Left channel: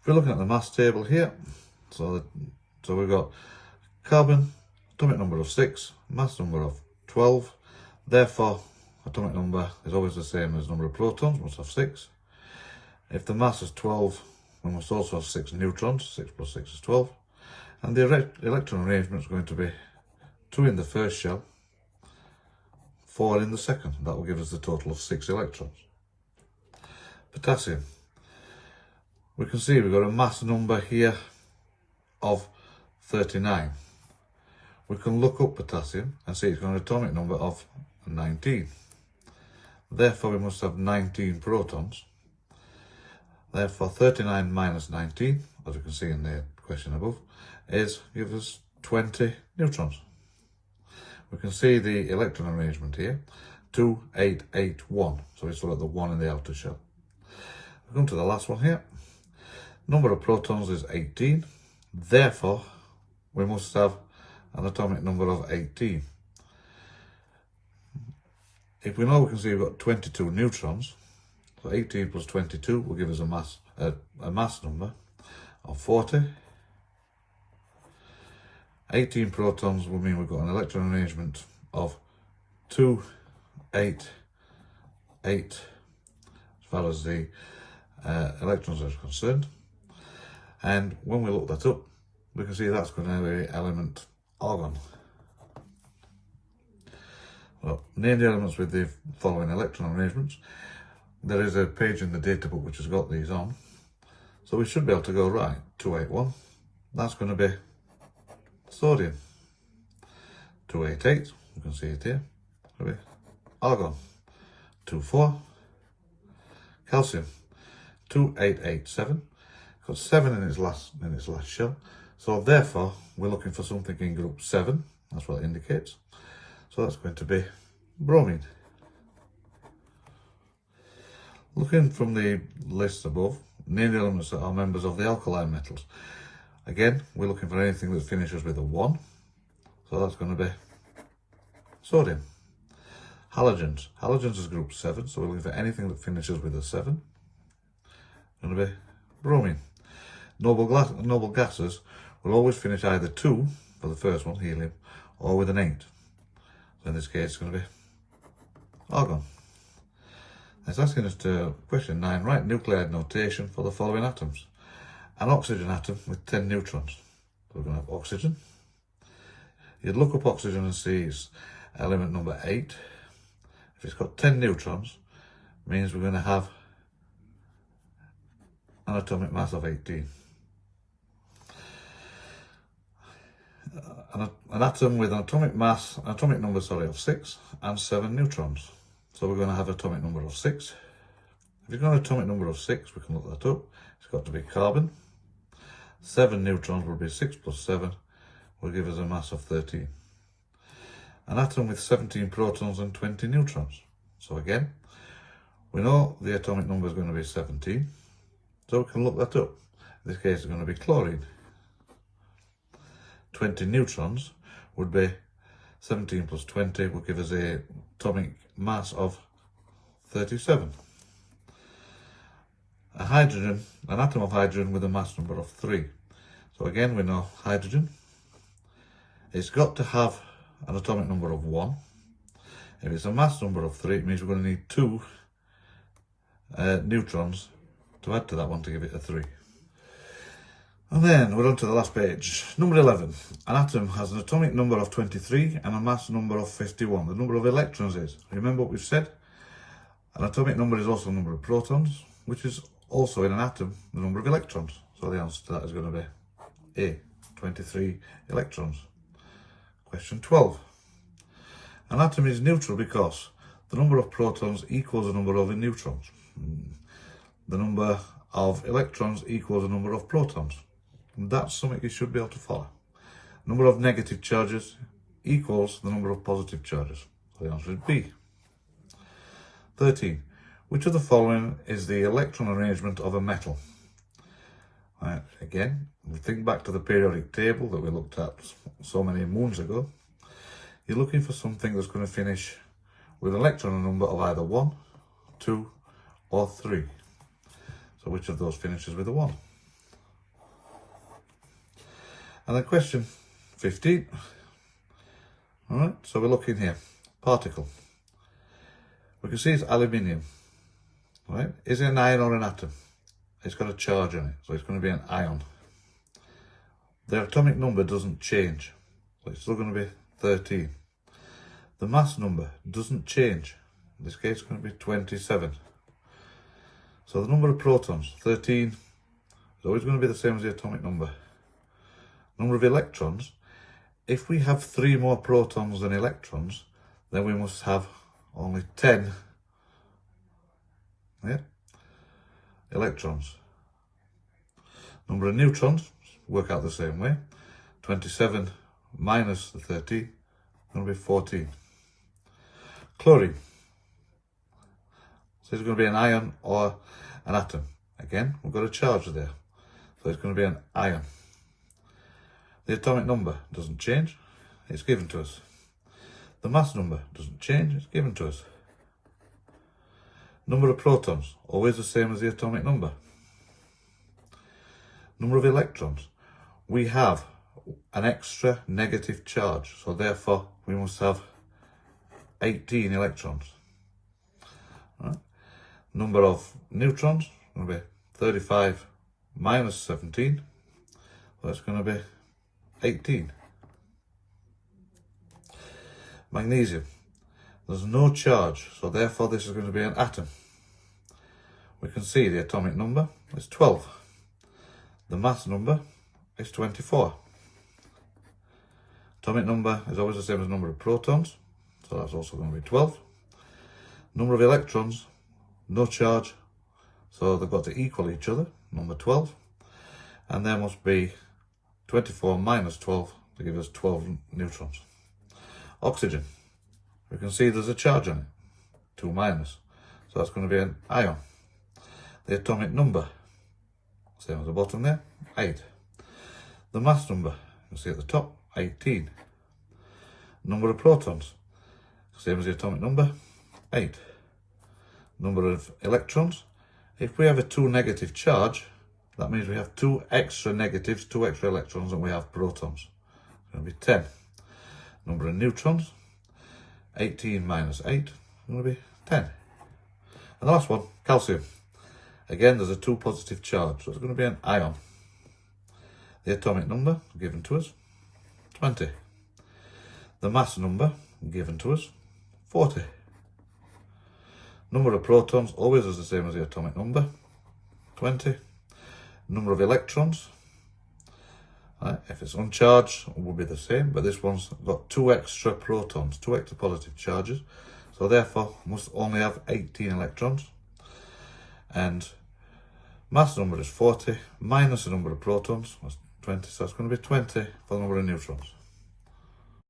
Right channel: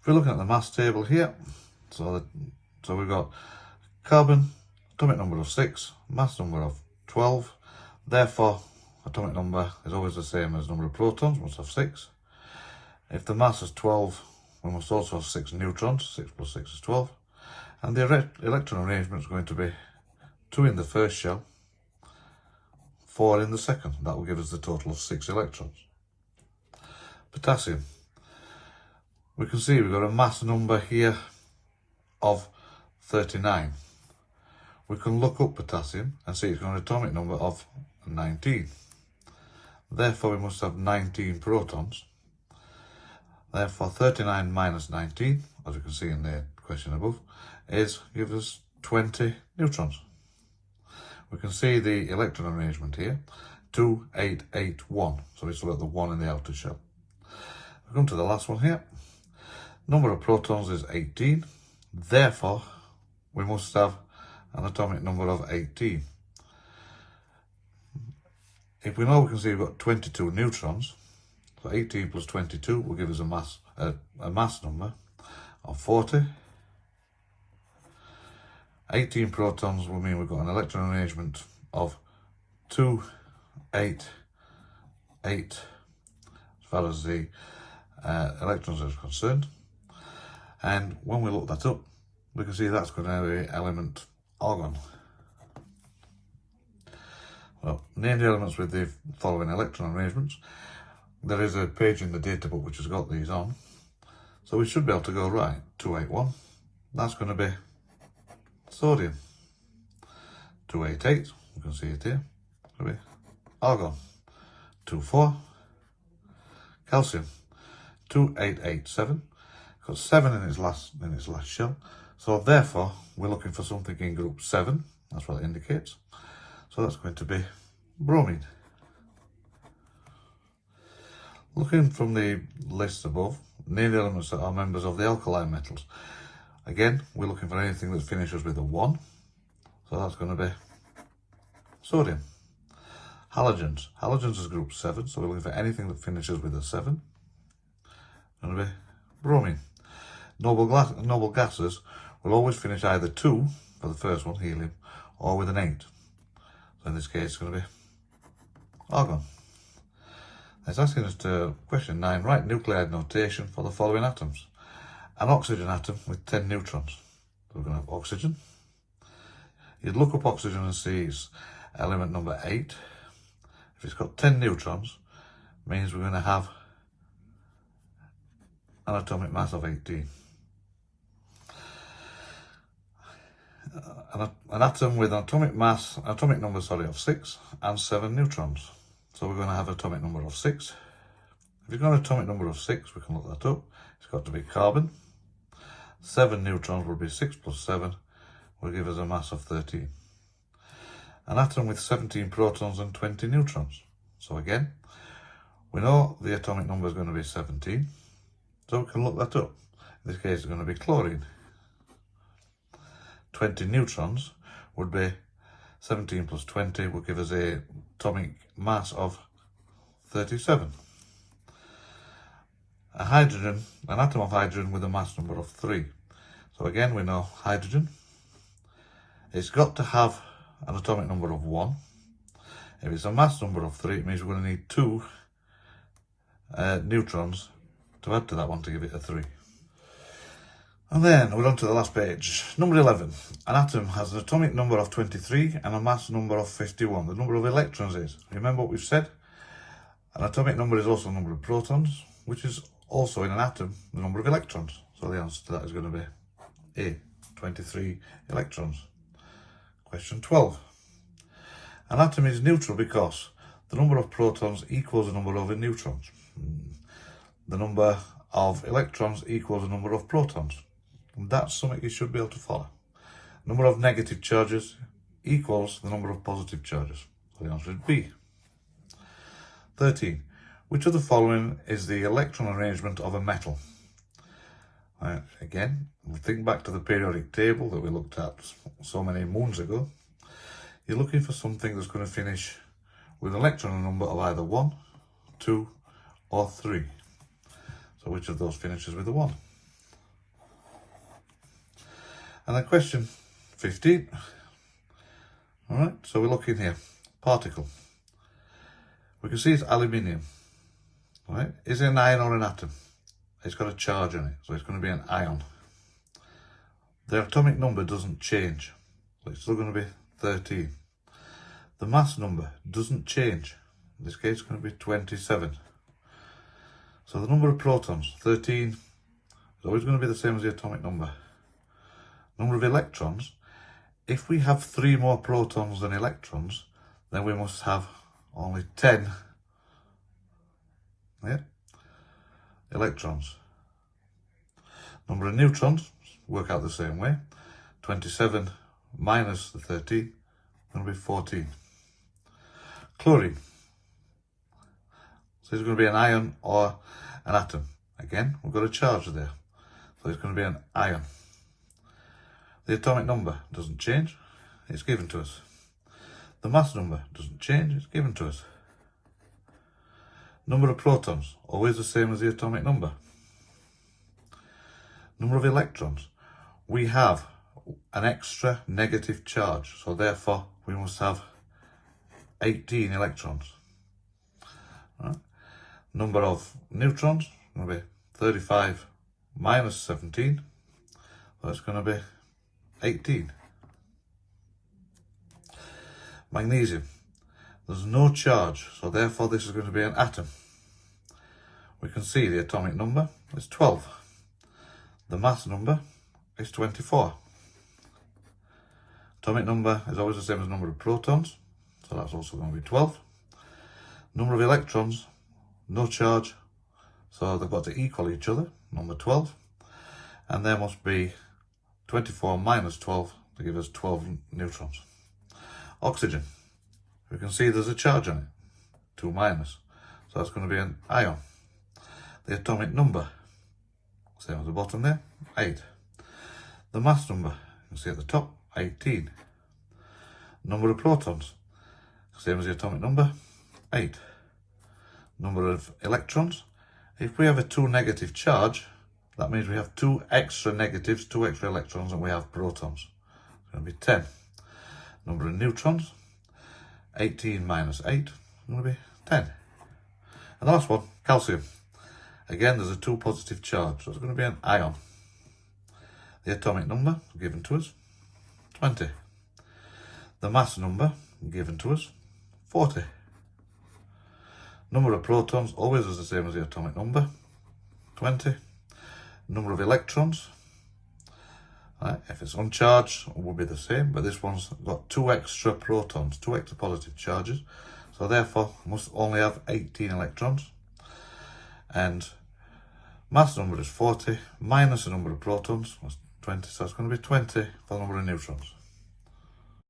If we're looking at the mass table here, so we've got carbon, atomic number of 6, mass number of 12, therefore atomic number is always the same as number of protons, we must have 6. If the mass is 12, we must also have 6 neutrons, 6 plus 6 is 12. And the electron arrangement is going to be 2 in the first shell, 4 in the second. That will give us the total of 6 electrons. Potassium. We can see we've got a mass number here of 39. We can look up potassium and see it's got an atomic number of 19. Therefore, we must have 19 protons. Therefore, 39 minus 19, as you can see in the question above, gives us 20 neutrons. We can see the electron arrangement here, 2, 8, 8, 1. So we still have the 1 in the outer shell. We come to the last one here. Number of protons is 18. Therefore, we must have an atomic number of 18. If we know, we can see we've got 22 neutrons. So 18 plus 22 will give us a mass number of 40. 18 protons will mean we've got an electron arrangement of 2, 8, 8 as far as the electrons are concerned. And when we look that up, we can see that's going to be element argon. Well, name the elements with the following electron arrangements. There is a page in the data book which has got these on. So we should be able to go right. 281, that's going to be sodium. 288, you can see it here, will be argon. 24, calcium. 2887, got 7 in its last shell. So therefore, we're looking for something in group 7. That's what it indicates. So that's going to be bromine. Looking from the list above, name the elements that are members of the alkali metals. Again, we're looking for anything that finishes with a 1. So that's going to be sodium. Halogens. Halogens is group 7, so we're looking for anything that finishes with a 7. Going to be bromine. Noble gases will always finish either 2 for the first one, helium, or with an 8. So in this case, it's going to be argon. It's asking us to question 9, write nuclide notation for the following atoms. An oxygen atom with 10 neutrons. So we're going to have oxygen. You'd look up oxygen and see it's element number 8. If it's got 10 neutrons, it means we're going to have an atomic mass of 18. An atom with an atomic number of 6 and 7 neutrons. So we're going to have an atomic number of 6. If you've got an atomic number of 6, we can look that up. It's got to be carbon. 7 neutrons will be 6 plus 7, will give us a mass of 13. An atom with 17 protons and 20 neutrons. So again, we know the atomic number is going to be 17. So we can look that up. In this case, it's going to be chlorine. 20 neutrons would be 17 plus 20 will give us an atomic mass of 37. An atom of hydrogen with a mass number of 3. So again, we know hydrogen. It's got to have an atomic number of 1. If it's a mass number of 3, it means we're going to need 2 neutrons to add to that one to give it a 3. And then we're on to the last page. Number 11. An atom has an atomic number of 23 and a mass number of 51. The number of electrons is, remember what we've said? An atomic number is also the number of protons, which is also in an atom the number of electrons. So the answer to that is going to be A, 23 electrons. Question 12. An atom is neutral because the number of protons equals the number of neutrons. The number of electrons equals the number of protons. And that's something you should be able to follow. Number of negative charges equals the number of positive charges. So the answer is B. 13. Which of the following is the electron arrangement of a metal? Again, we'll think back to the periodic table that we looked at so many moons ago. You're looking for something that's going to finish with an electron number of either 1, 2, or 3. So which of those finishes with a 1? And then question 15. All right, so we're looking here. Particle. We can see it's aluminium. All right, is it an ion or an atom? It's got a charge on it, so it's going to be an ion. The atomic number doesn't change, so it's still going to be 13. The mass number doesn't change. In this case, it's going to be 27. So the number of protons, 13, is always going to be the same as the atomic number. Number of electrons, if we have 3 more protons than electrons, then we must have only 10 electrons. Number of neutrons work out the same way. 27 minus the 13 will be 14. Chlorine. So it's going to be an ion or an atom. Again, we've got a charge there. So it's going to be an ion. The atomic number doesn't change. It's given to us. The mass number doesn't change. It's given to us. Number of protons, always the same as the atomic number. Number of electrons. We have an extra negative charge, so therefore we must have 18 electrons. Right. Number of neutrons will be 35 minus 17, so it's going to be 18. Magnesium. There's no charge, so therefore this is going to be an atom. We can see the atomic number is 12. The mass number is 24. Atomic number is always the same as the number of protons, so that's also going to be 12. Number of electrons, no charge, so they've got to equal each other, number 12. And there must be 24 minus 12 to give us 12 neutrons. Oxygen. We can see there's a charge on it, 2 minus, so that's going to be an ion. The atomic number, same as the bottom there, 8. The mass number, you can see at the top, 18. Number of protons, same as the atomic number, 8. Number of electrons, if we have a 2 negative charge, that means we have 2 extra negatives, 2 extra electrons, and we have protons. It's going to be 10. Number of neutrons, 18 minus 8, it's going to be 10. And the last one, calcium. Again, there's a 2 positive charge, so it's going to be an ion. The atomic number given to us, 20. The mass number given to us, 40. Number of protons always is the same as the atomic number, 20. Number of electrons, if it's uncharged, it will be the same, but this one's got 2 extra protons, 2 extra positive charges, so therefore must only have 18 electrons. And mass number is 40 minus the number of protons was 20, so it's going to be 20 for the number of neutrons.